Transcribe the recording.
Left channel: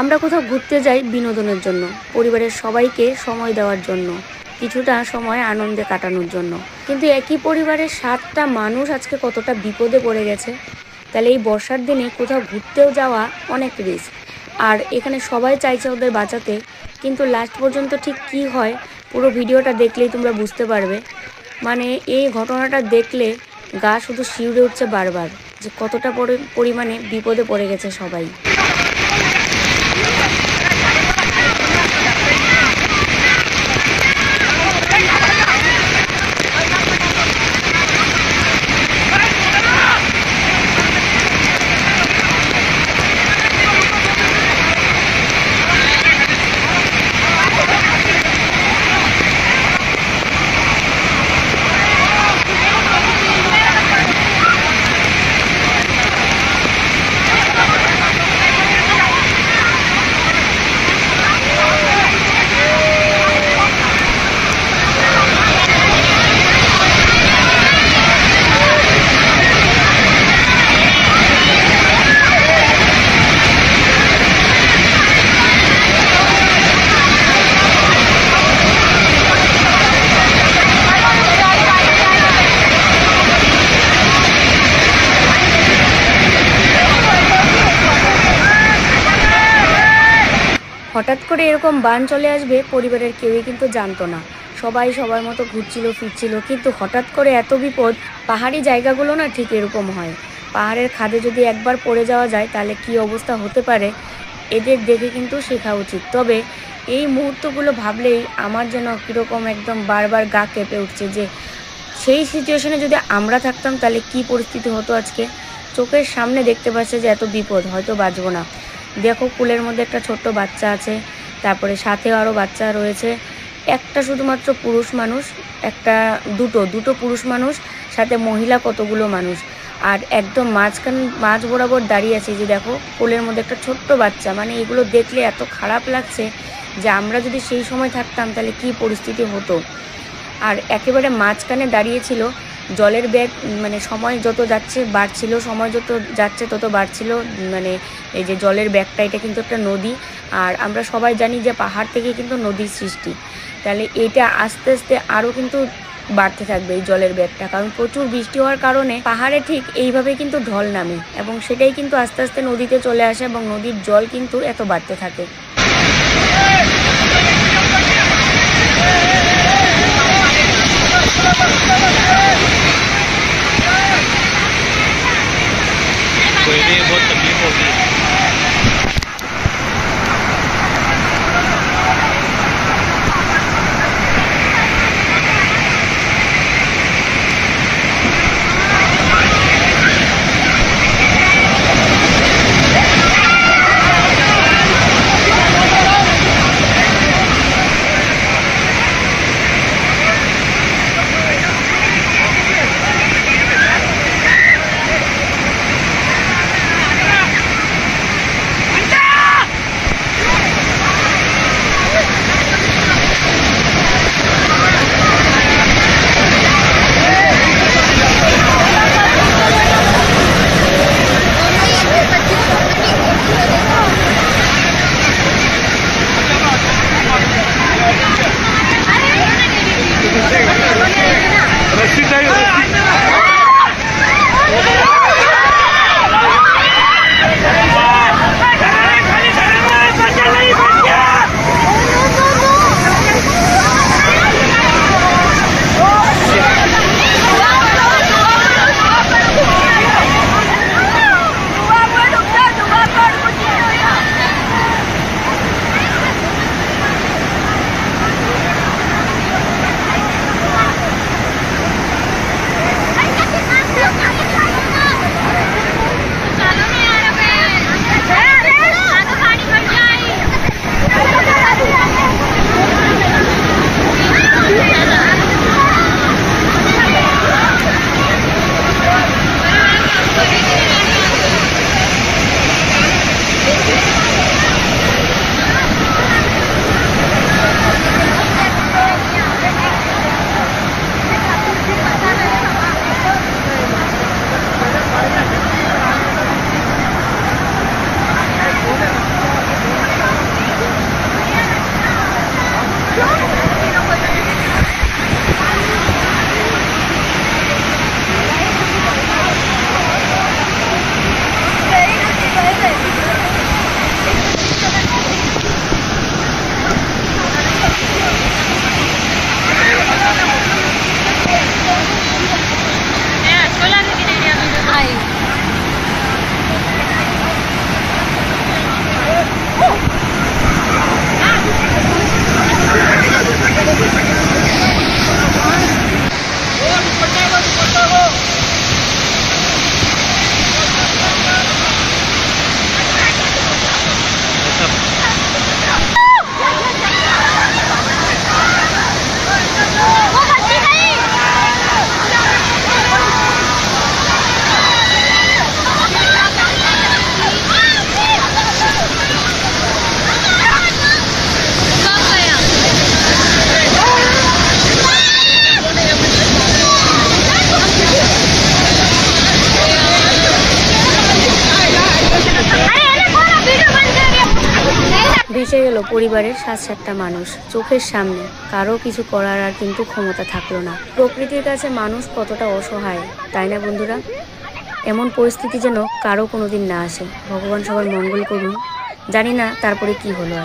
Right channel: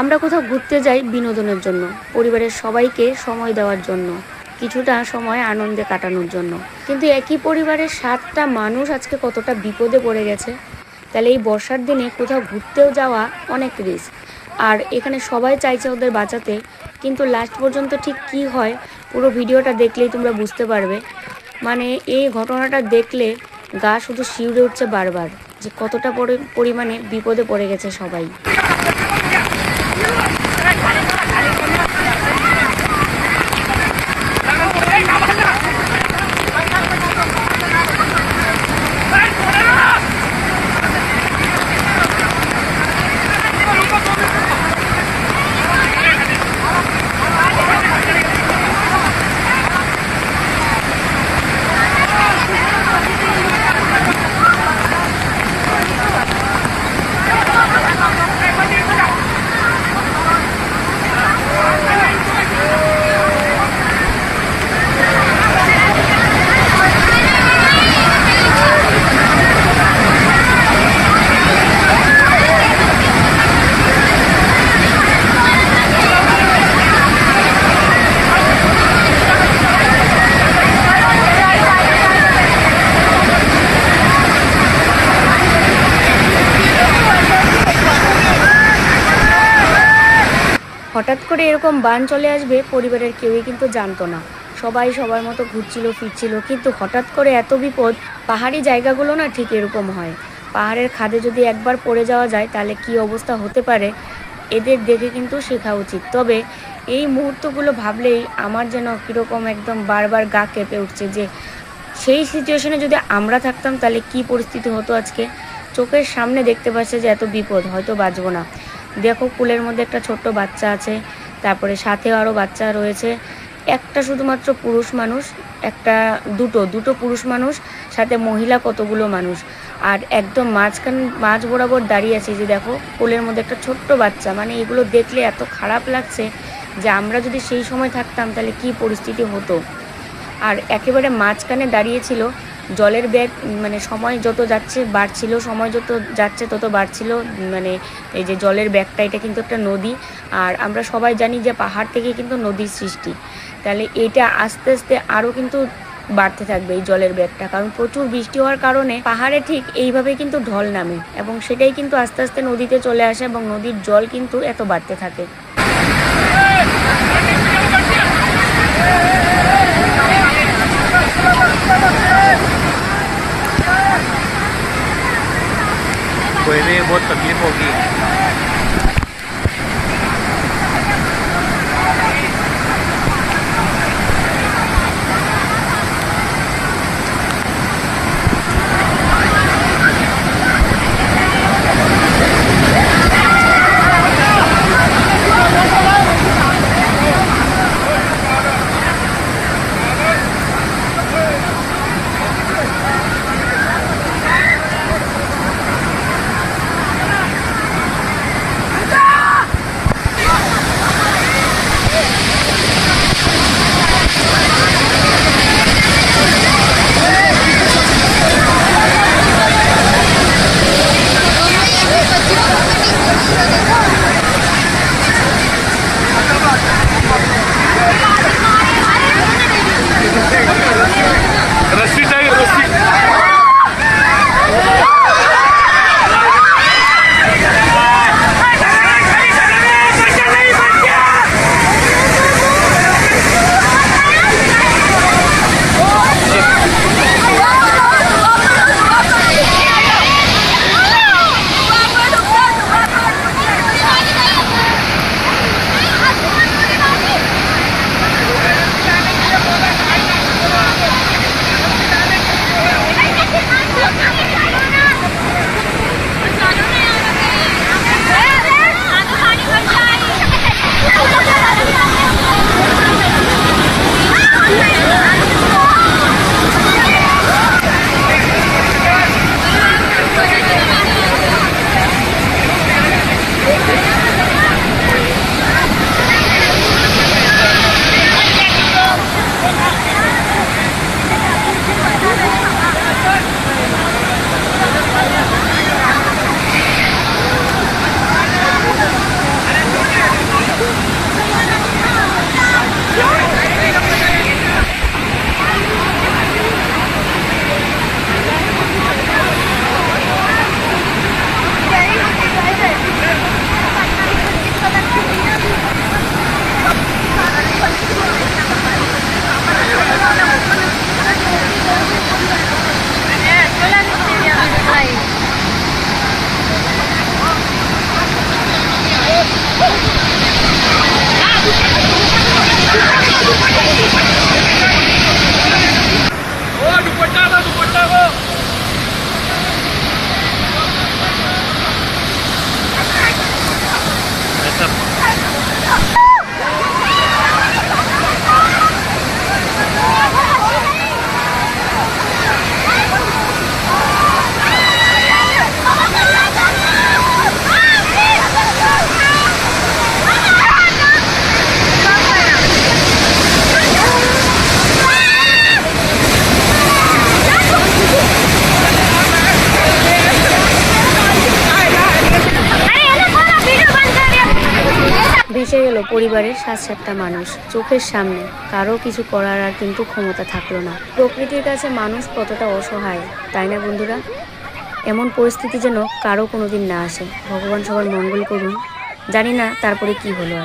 আমরা কোথাও ঘুরতে যাই বিনোদনের জন্য, পরিবারের সবাইকে সময় দেওয়ার জন্য, কিছুটা সময় আনন্দে কাটানোর জন্য। কিন্তু একই পরিবারের 7টা মানুষ আজকে কতটা বিপদে পড়ে গেছে। তাহলে এই বর্ষার দিনে কোথাও ঘুরতেও যাওয়া অনেক রিস্ক। আর এখানে সবাই চাইছে ওদের বাঁচাতে, কিন্তু লাস্ট পর্যন্ত ঠিক কী হয় পুরো ভিডিওটা দেখলেই তোমরা বুঝতে পারবে। মানে এই ঘটনাটা দেখলে গা শুধু শিউরে উঠছে বারবার, যে কতটা পরিমাণে বিপদে পড়ে গেছে সবাই। হঠাৎ করে এরকম বান চলে আসবে পরিবারের কেউই কিন্তু জানতো না। সবাই সবার মতো ঘুরছিল ফিরছিল, কিন্তু হঠাৎ করে এত বিপদ। পাহাড়ি জায়গাগুলো না ঠিক এরকম হয়। পাহাড়ের খাদে যদি একবার পড়ে যাওয়া যায় তাহলে কি অবস্থা হতে পারে এদের দেখে কিন্তু শেখা উচিত। তবে এই মুহূর্তগুলো ভাবলেই আমার যেন কীরকম একদম বারবার গা কেঁপে উঠছে, যে সেই সিচুয়েশনে যদি আমরা থাকতাম তাহলে কি পরিস্থিতি হতো আজকে। চোখের সামনে দেখতে পাচ্ছে যে এত বিপদ, হয়তো বাঁচবো না। দেখো কুলের মধ্যে একটা ছোট্ট বাচ্চা আছে, তারপরে সাথেও আরও বাচ্চা রয়েছে। একটা শুধুমাত্র পুরুষ মানুষ, দুটো পুরুষ মানুষ, সাথে মহিলা কতগুলো মানুষ। আর একদম মাঝ বরাবর দাঁড়িয়ে আছে, যে দেখো কোলের মধ্যে একটা ছোট্ট বাচ্চা। মানে এগুলো দেখলে এত খারাপ লাগছে যে আমরা যদি সেই সময় থাকতাম তাহলে কি পরিস্থিতি হতো। আর একেবারে মাঝখানে দাঁড়িয়েছিল জলের ব্যাগ, মানে সময় যত যাচ্ছে বাড়ছিল, সময় যত যাচ্ছে তত বাড়ছিল। মানে এই যে জলের ব্যাগটা, এটা কিন্তু একটা নদী। আর আমরা সবাই জানি যে পাহাড় থেকে কিন্তু নদীর সৃষ্টি। তাহলে এটা আস্তে আস্তে আরও কিন্তু বাড়তে থাকবে এই জলের ব্যাগটা, কারণ প্রচুর বৃষ্টি হওয়ার কারণে পাহাড়ে ঠিক এইভাবে কিন্তু ঢল নামে, এবং সেটাই কিন্তু আস্তে আস্তে নদীতে চলে আসে, এবং নদীর জল কিন্তু এত বাড়তে থাকে। कोई भी बहुत तकलीफ होगी। ভেসে গেল পরিবারের 7-7টা মানুষ চোখের সামনে। কারো কিছু করার আর কিন্তু ক্ষমতা থাকলো না। প্রকৃতির কাছে মানুষ কতটা অসহায়, তাই না বন্ধুরা? এমন পরিস্থিতি যেন কারো কোনোদিন না আসে। ভগবান সবার মঙ্গল করুন। জানি না তারপরে কি হলো আর।